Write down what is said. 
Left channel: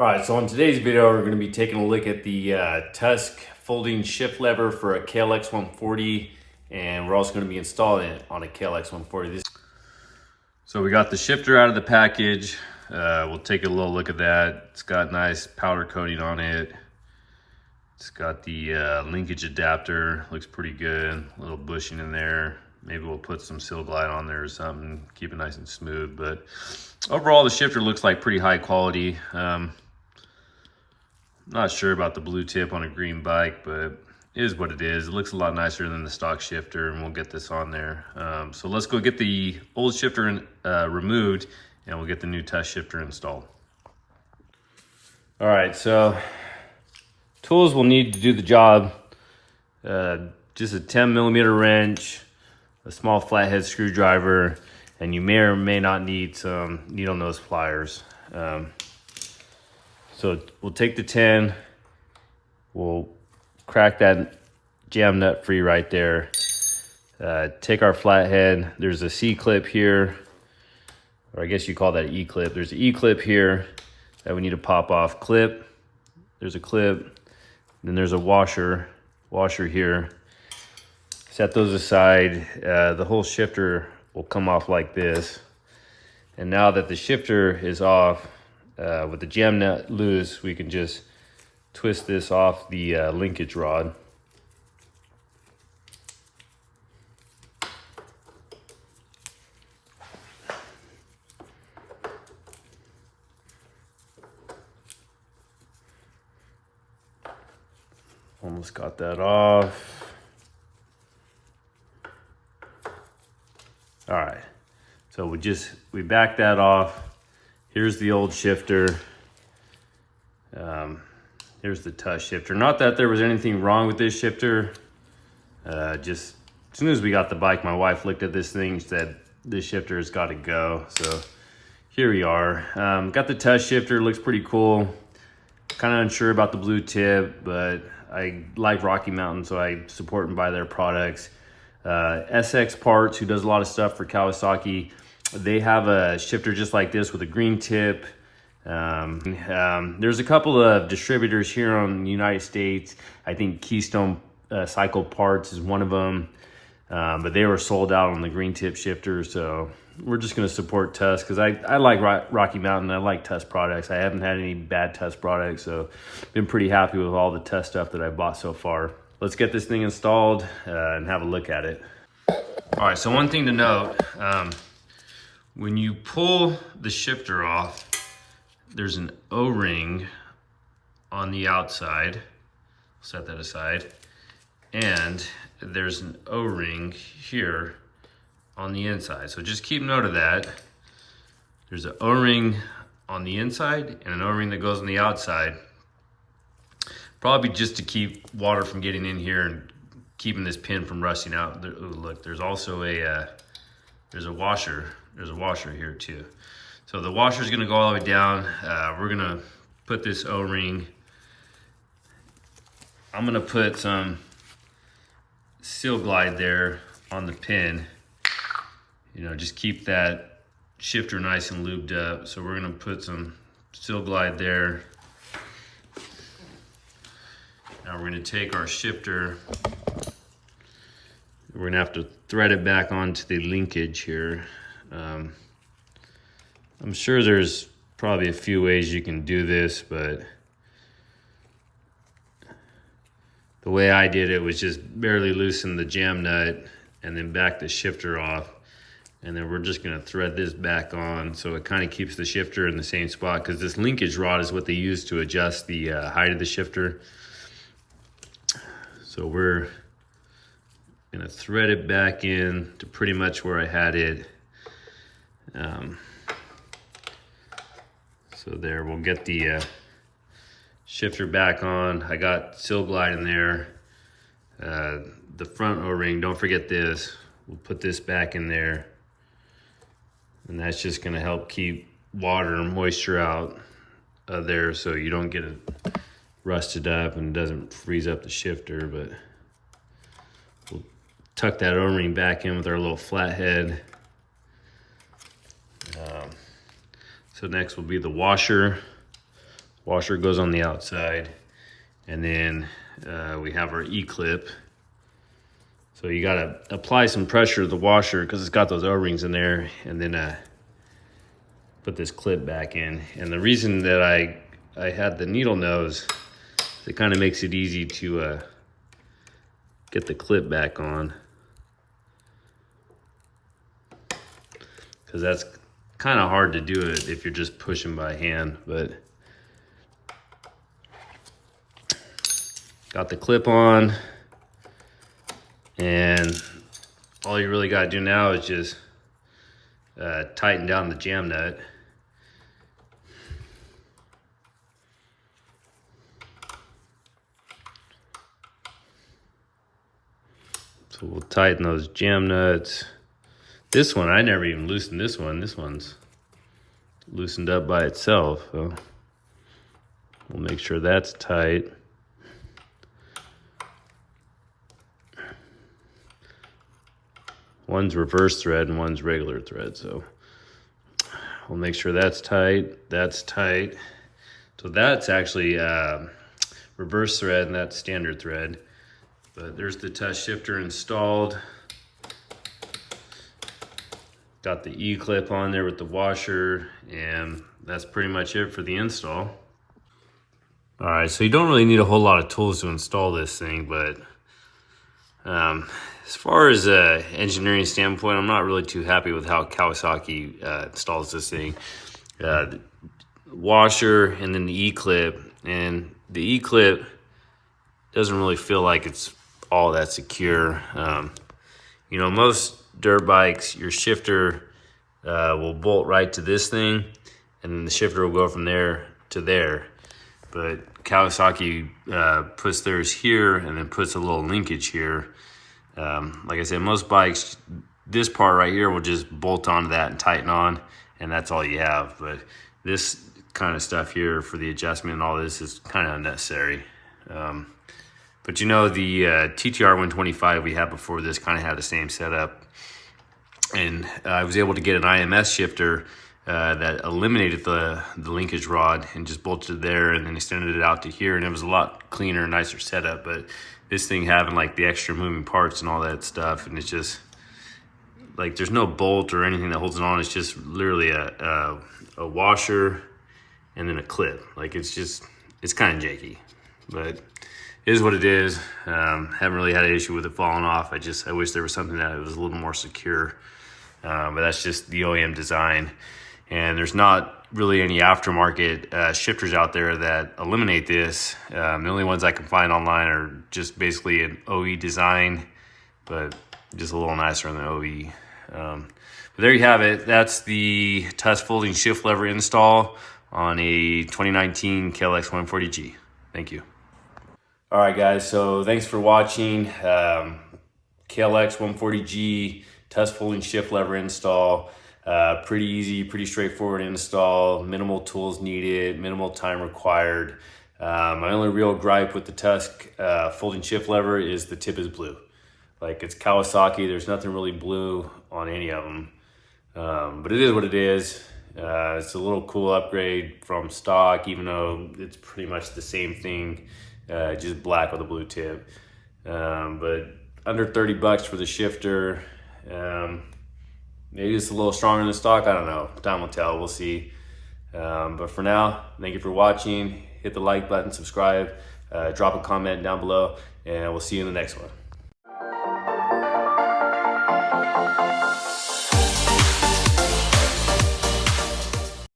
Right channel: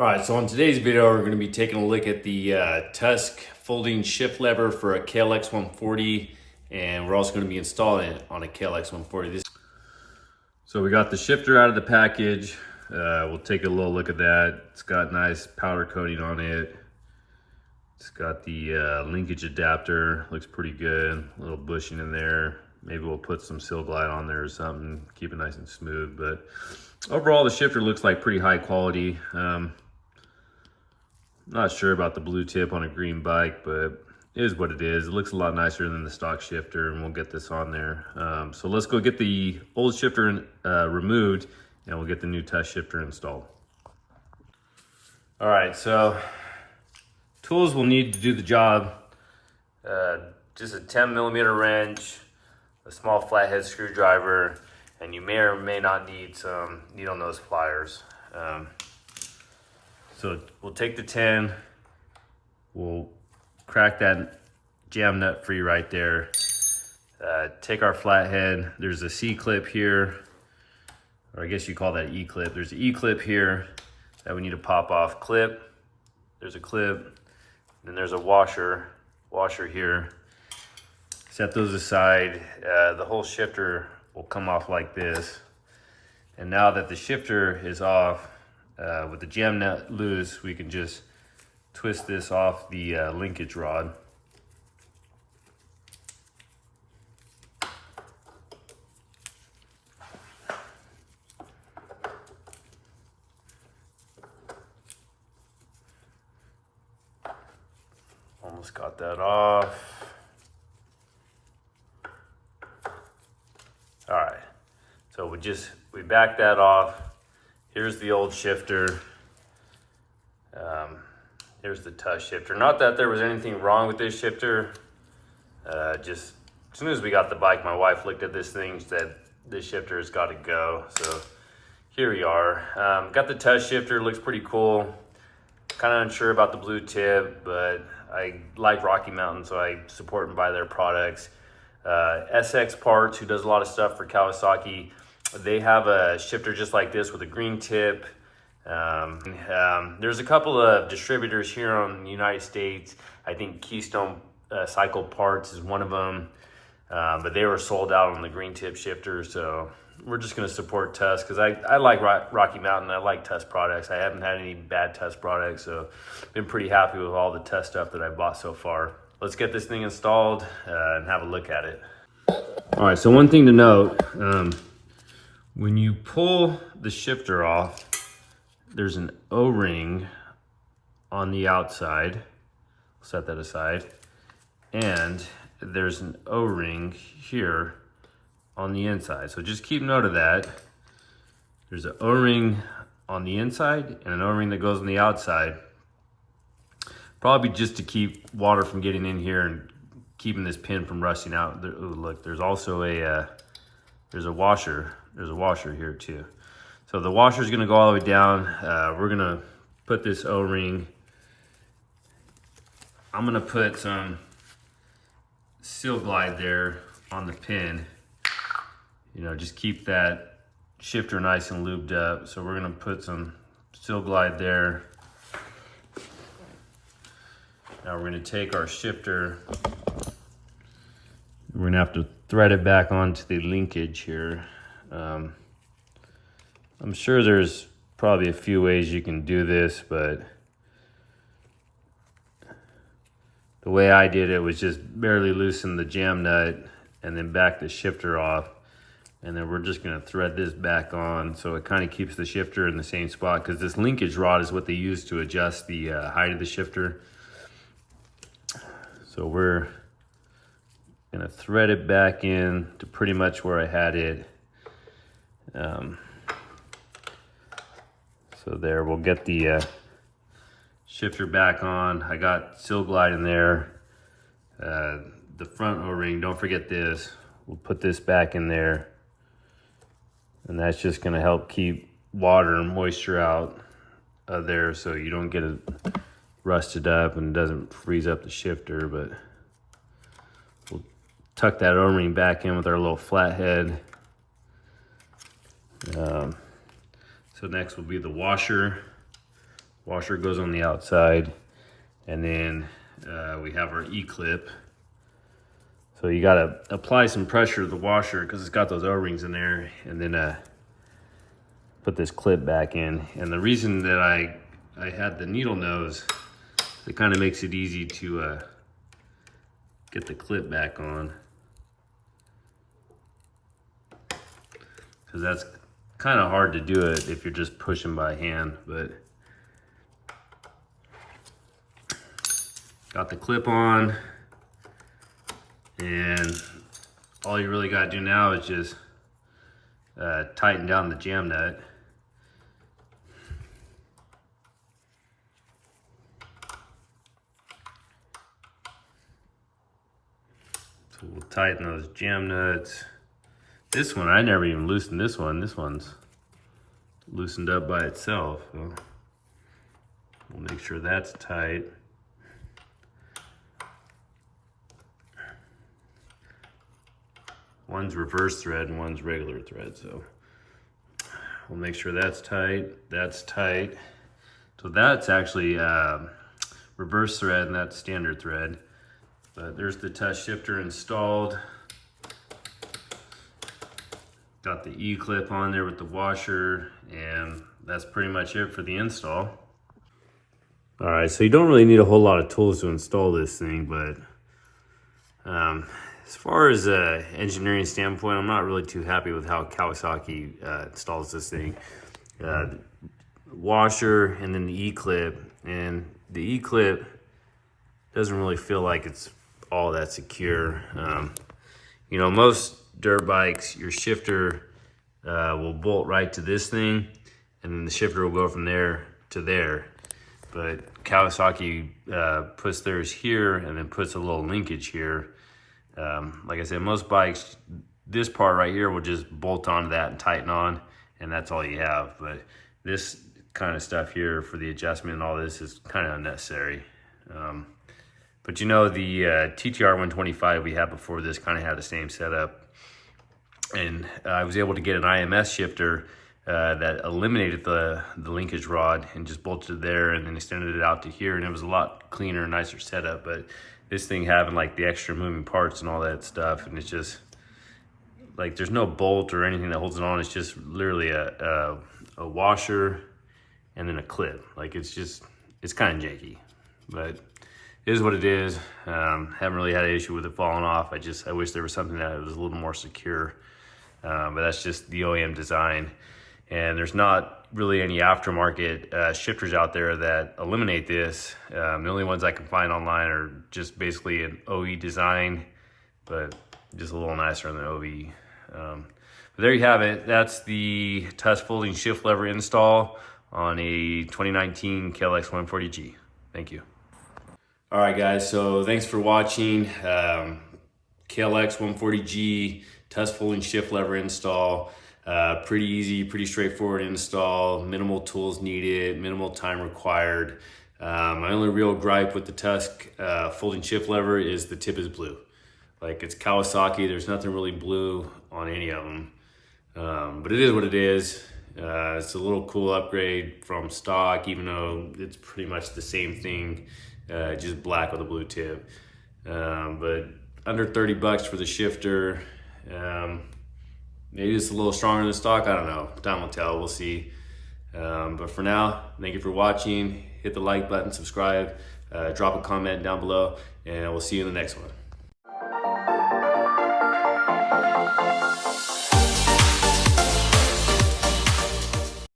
All right, so in today's video, we're going to be taking a look at the Tusk folding shift lever for a KLX140, and we're also going to be installing it on a KLX140. So we got the shifter out of the package. We'll take a little look at that. It's got nice powder coating on it. It's got the linkage adapter, looks pretty good. A little bushing in there. Maybe we'll put some Seal Glide on there or something, keep it nice and smooth. But overall, the shifter looks like pretty high quality. Not sure about the blue tip on a green bike, but it is what it is. It looks a lot nicer than the stock shifter, and we'll get this on there. So let's go get the old shifter removed, and we'll get the new Tusk shifter installed. All right, so tools we'll need to do the job. Just a 10mm wrench, a small flathead screwdriver, and you may or may not need some needle nose pliers. So we'll take the 10, we'll crack that jam nut free right there. Take our flathead, there's a C-clip here, or I guess you call that an E-clip. There's an E-clip here that we need to pop off. Clip, there's a clip, and then there's a washer here. Set those aside. The whole shifter will come off like this. And now that the shifter is off, with the jam nut loose, we can just twist this off the linkage rod. Almost got that off. All right, so we back that off. Here's the old shifter. Here's the Tusk shifter. Not that there was anything wrong with this shifter. Just as soon as we got the bike, my wife looked at this thing and said, this shifter has got to go. So here we are. Got the Tusk shifter, looks pretty cool. Kind of unsure about the blue tip, but I like Rocky Mountain, so I support and buy their products. SX Parts, who does a lot of stuff for Kawasaki, they have a shifter just like this with a green tip. There's a couple of distributors here in the United States. I think Keystone Cycle Parts is one of them, but they were sold out on the green tip shifter. So we're just going to support Tusk because I like Rocky Mountain. I like Tusk products. I haven't had any bad Tusk products, so been pretty happy with all the Tusk stuff that I bought so far. Let's get this thing installed and have a look at it. All right, so one thing to note, when you pull the shifter off, there's an O-ring on the outside. Set that aside. And there's an O-ring here on the inside. So just keep note of that. There's an O-ring on the inside and an O-ring that goes on the outside. Probably just to keep water from getting in here and keeping this pin from rusting out. Ooh, look, there's also there's a washer. There's a washer here too. So the washer is going to go all the way down. We're going to put this O-ring. I'm going to put some Seal Glide there on the pin. You know, just keep that shifter nice and lubed up. So we're going to put some Seal Glide there. Now we're going to take our shifter. We're going to have to thread it back onto the linkage here. I'm sure there's probably a few ways you can do this, but the way I did it was just barely loosen the jam nut and then back the shifter off. And then we're just going to thread this back on so it kind of keeps the shifter in the same spot, because this linkage rod is what they use to adjust the height of the shifter. So we're going to thread it back in to pretty much where I had it. So there, we'll get the shifter back on. I got Seal Glide in there. The front O-ring, don't forget this. We'll put this back in there. And that's just gonna help keep water and moisture out of there so you don't get it rusted up and doesn't freeze up the shifter. But we'll tuck that O-ring back in with our little flathead. So next will be the washer. Washer goes on the outside, and then we have our E-clip. So you gotta apply some pressure to the washer because it's got those O-rings in there, and then put this clip back in. And the reason that I had the needle nose, it kind of makes it easy to get the clip back on, because that's kind of hard to do it if you're just pushing by hand. But got the clip on, and all you really got to do now is just tighten down the jam nut. So we'll tighten those jam nuts. This one, I never even loosened this one. This one's loosened up by itself. So we'll make sure that's tight. One's reverse thread and one's regular thread. So we'll make sure that's tight. That's tight. So that's actually reverse thread and that's standard thread. But there's the Tusk shifter installed. Got the E-clip on there with the washer, and that's pretty much it for the install. All right, so you don't really need a whole lot of tools to install this thing, but as far as engineering standpoint, I'm not really too happy with how Kawasaki installs this thing. Washer and then the E-clip, and the E-clip doesn't really feel like it's all that secure. You know, most dirt bikes, your shifter will bolt right to this thing, and then the shifter will go from there to there. But Kawasaki puts theirs here and then puts a little linkage here. Like I said, most bikes, this part right here will just bolt onto that and tighten on, and that's all you have. But this kind of stuff here for the adjustment and all this is kind of unnecessary. But you know, the TTR 125 we had before this kind of had the same setup. And I was able to get an IMS shifter that eliminated the linkage rod and just bolted it there and then extended it out to here. And it was a lot cleaner and nicer setup. But this thing having like the extra moving parts and all that stuff, and it's just like there's no bolt or anything that holds it on. It's just literally a washer and then a clip. Like it's kind of janky, but it is what it is. Haven't really had an issue with it falling off. I wish there was something that was a little more secure. But that's just the OEM design. And there's not really any aftermarket shifters out there that eliminate this. The only ones I can find online are just basically an OE design, but just a little nicer than the OE. But there you have it. That's the Tusk folding shift lever install on a 2019 KLX140G. Thank you. All right, guys, so thanks for watching. KLX140G Tusk folding shift lever install. Pretty easy, pretty straightforward install. Minimal tools needed, minimal time required. My only real gripe with the Tusk folding shift lever is the tip is blue. Like, it's Kawasaki, there's nothing really blue on any of them. But it is what it is. It's a little cool upgrade from stock, even though it's pretty much the same thing, just black with a blue tip. But under 30 bucks for the shifter. Maybe it's a little stronger than stock, I don't know. Time will tell, we'll see. But for now, thank you for watching. Hit the like button, subscribe, drop a comment down below, and we'll see you in the next one.